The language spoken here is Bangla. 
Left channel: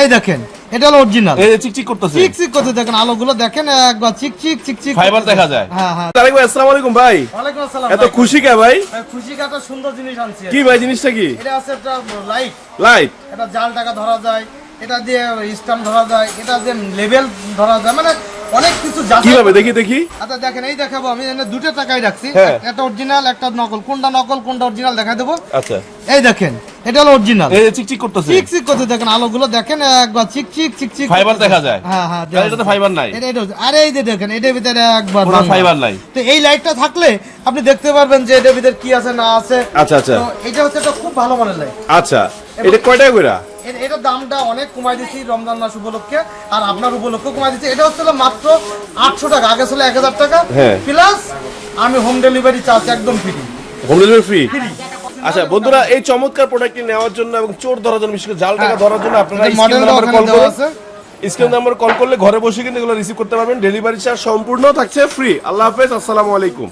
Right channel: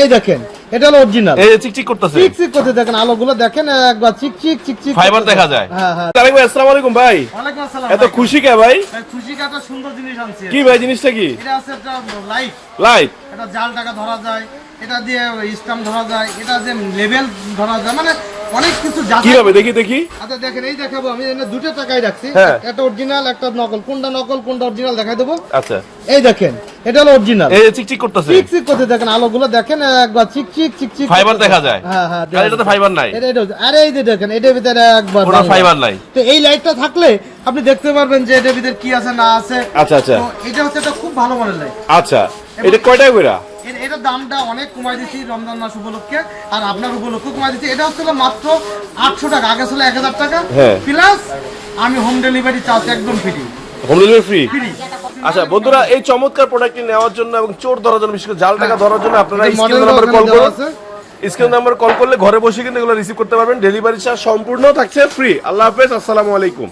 এই দেখেন এটা হলো অরিজিনাল। এই যে চিকচিক করতেছে, চিকচিক করতে দেখেন, আলোগুলো দেখেন একবার চিকচিক চিকচিক ফাইবার দেখা যায়। হ্যাঁ হ্যাঁ। তারেক ভাই আসসালামু আলাইকুম ভাই। ওয়ালাইকুম আসসালাম। এত খুশি কে ভাই? খুশি কাটা সুন্দর জিনিস আনছি। কি ভাই জিনিসটা কি? এটা আছে একটা লাইট। লাইট, এটা জাল টাকা ধরা যায়, এটা দিয়ে স্ট্যাম্প ধরা যায়, এটা দিয়ে লেভেল ধরা যায়, মানে অনেক কিছু যাচাই। কি হবে দেখি দেখি। আচ্ছা দেখেন, এই দেখাবো আমি এখানে দুটো টাকাই রাখছি, হ্যাঁ। একটা অরিজিনাল একটা নকল। কোনটা নকল কোনটা অরিজিনাল দেখাই দেবো। আচ্ছা, এই দেখেন এটা হলো অরিজিনাল। এই যে চিকচিক করতেছে, চিকচিক করতে দেখেন, আলোগুলো দেখেন একবার চিকচিক চিকচিক ফাইবার দেখা যায়। হ্যাঁ হ্যাঁ। আর এটাতে ফাইবার নাই। আরে এই যে দেখেন এটার ভিতরে একবার কোনো ফাইবার নাই। তো এই লাইটটা থাকলে আপনি দেখতে পারবেন যে এটার ভিতরে কি আছে না আছে। আচ্ছা আচ্ছা। তো এটা হচ্ছে একটা খুব ভালো মানের লাইট। আচ্ছা, এটা কয় টাকা কইরা? এটার দামটা অনেক কমাই দিচ্ছি রমজান মাস উপলক্ষে, আর আপনার উপলক্ষে কমাই দিচ্ছি। এটা হচ্ছে মাত্র 800 টাকা, আগে ছিল 1000 টাকা হ্যাঁ। প্লাস আমি হোম ডেলিভারি চার্জ একদম free. Home delivery free. Free. আচ্ছা বন্ধুরা, এই চমৎকার প্রোডাক্টটি নেওয়ার জন্য এবং চোর ধরার জন্য, বিশেষ করে জাল টাকা ধরার জন্য আপনারা এটা স্ক্রিন model নাম্বারে ওখানে কল দেওয়া করুন। আছে। স্ক্রিন নাম্বারে কল করলে ঘরে বসে কিন্তু এগুলো রিসিভ করতে পারবেন। ডেলিভারি চার্জ সম্পূর্ণ থাকছে ফ্রি। আল্লাহ হাফেজ, আসসালামু আলাইকুম।